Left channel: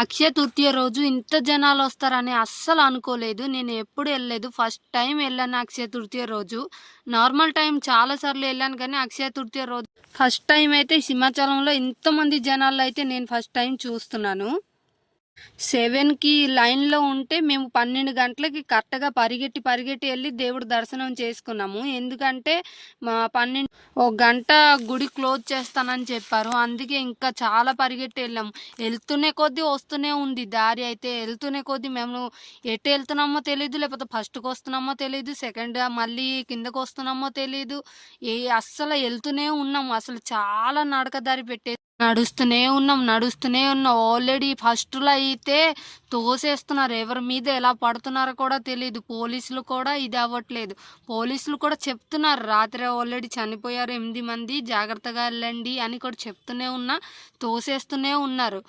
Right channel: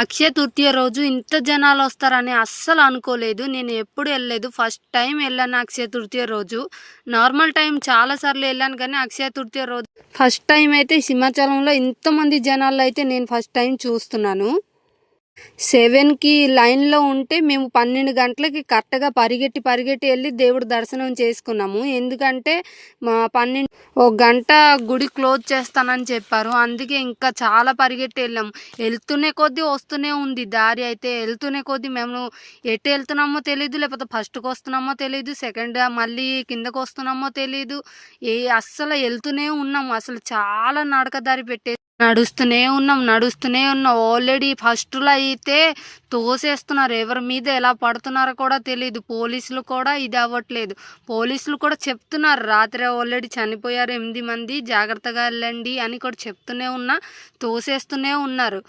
అక్షయ తృతీయ రోజు ఇంత జనాలు వస్తారని అస్సలు అనుకోలేదు. నేను ఎప్పుడు వెళ్ళలేదు. ఫస్ట్ టైం వెళ్ళాను అక్షయ తృతీయ రోజు. నార్మల్ టైం చాలా సార్లు వెళ్ళాను కానీ అక్షయ తృతీయ రోజు ఫస్ట్ టైం అయితే సింహాచలంలో ఇంతమంది జనాలు అయితే నేను ఫస్ట్ టైం చూస్తున్నాను. 7కి లైన్లో ఉంటే మేము 12 గంటలకి కరెక్ట్గా పరిగెట్టి వెళ్ళి దేవుడి దర్శనం చేసుకున్నాము. ఎందుకంటే మా 12 ఒక గంట గుడి క్లోజ్ చేస్తానని చెప్పారు. అందుకే ఇంకా చాలా పరిగెట్టి వెళ్ళాము. వెళ్తూనే కొద్దీ వస్తూనే ఉంది దారి. అయితే వెళ్తూనే కొద్దీ మేము ఎటు వెళ్తున్నామో తెలియదు, లేకపోతే ఫస్ట్కి వస్తున్నామో తెలియదు, సెకండ్ మళ్ళీ కిందకు వస్తున్నామో తెలియదు. అస్సలు వెళ్తూనే ఉన్నాము. అసలు చాలా నడక దారి నడుస్తూనే ఉన్నాం. ఆల్రెడీ ఫస్ట్లో అయితే తోసేస్తున్నారు. ఎవరి మీద ఎలా పడుతున్నారో కూడా తెలియదు. పోలీసులు కూడా ఇది అవ్వట్లేదు. పోలీసులు కూడా చెప్తున్నారు, రాత్రి ఆల్రెడీ చనిపోయారు 8 మంది, జాగ్రత్తగా వెళ్ళండి అని కూడా చెప్తూనే తోసేస్తూనే ఉన్నారు.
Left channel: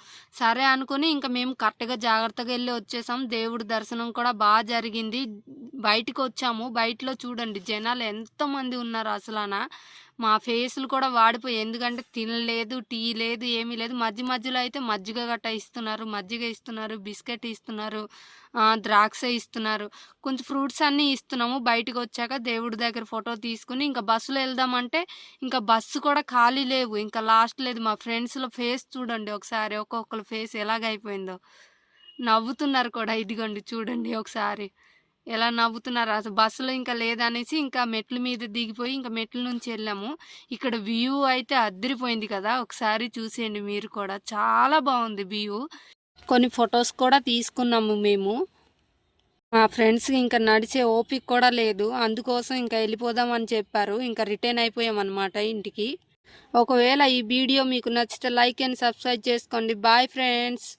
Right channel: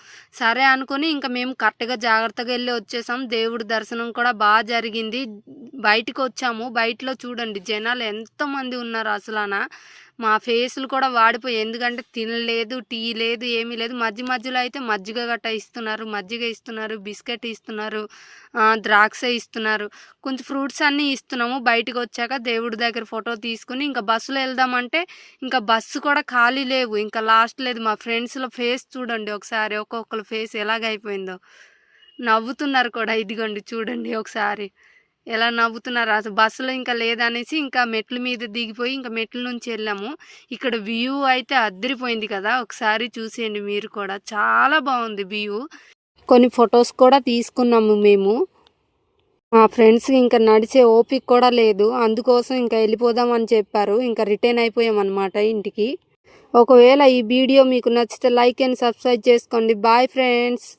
సరే అనుకుని ఇంకా మేము కరెక్ట్గా జాగ్రత్తగా వెళ్ళి వచ్చేసాం. దేవుడి దర్శనం కూడా బాగా జరిగింది. బయటకు వచ్చాము. బయటలో చూడండి జనాలు ఎంతమంది ఉన్నారు. అసలు మా ఫేసులు కూడా వాడిపోయి, ఎందుకంటే తినలేదు, టీ లేదు, ఏమీ లేదు. మధ్యలో అయితే మజ్జిగ గట్ట ఇస్తున్నారు, బిస్కెట్ ఇస్తున్నారు, ద్రాక్ష ఇస్తున్నారు, కొంచెం ఫ్రూట్స్ అన్నీ ఇస్తున్నాము. బయటకు వచ్చాక దేవుడి దగ్గర ఫోటో తీసుకుని ఇంకా బస్సులో వెళ్దామంటే ఇంకా బస్సు కూడా ఖాళీ లేవు. ఇంకా లాస్ట్ లేదు. మా ఫ్రెండ్స్లో ఫేస్ చూడండి ఒకసారి, ఒక్కొక్కరు ఫేస్ ఎలాగైపోయిందో. నవ్వుతున్నారు కూడా. ఇదిగోండి చూడండి ఒకసారి ఎలా నవ్వుతున్నారు. అసలు బస్సులో ఇంకా లేదనేసి ఇంకా మెట్ల మీద దిగిపోయి ఇంకా మెట్ల నుంచి వెళ్ళాము. ఇక్కడ వ్యూ అయితే అద్దరిపోయింది కదా, ఒకసారి చూసేయండి మీరు కూడా. చాలా బాగుంది వ్యూ. కొన్ని ఫొటోస్ కూడా తీసుకున్నాము మేము. మా ఫ్రెండ్స్ ఇంకా నడిచే ఓపిక కూడా లేదు, అందుకోసం ఇంకా వెళ్ళిపోదామని చెప్పారు. ఇంకా రిటర్న్ అయిపోయామన్నమాట ఇంటికి. ఒకవేళ ఈ వీడియో మీకు నచ్చితే లైక్ అండ్ సబ్స్క్రైబ్ చేసుకోండి. Bye friends.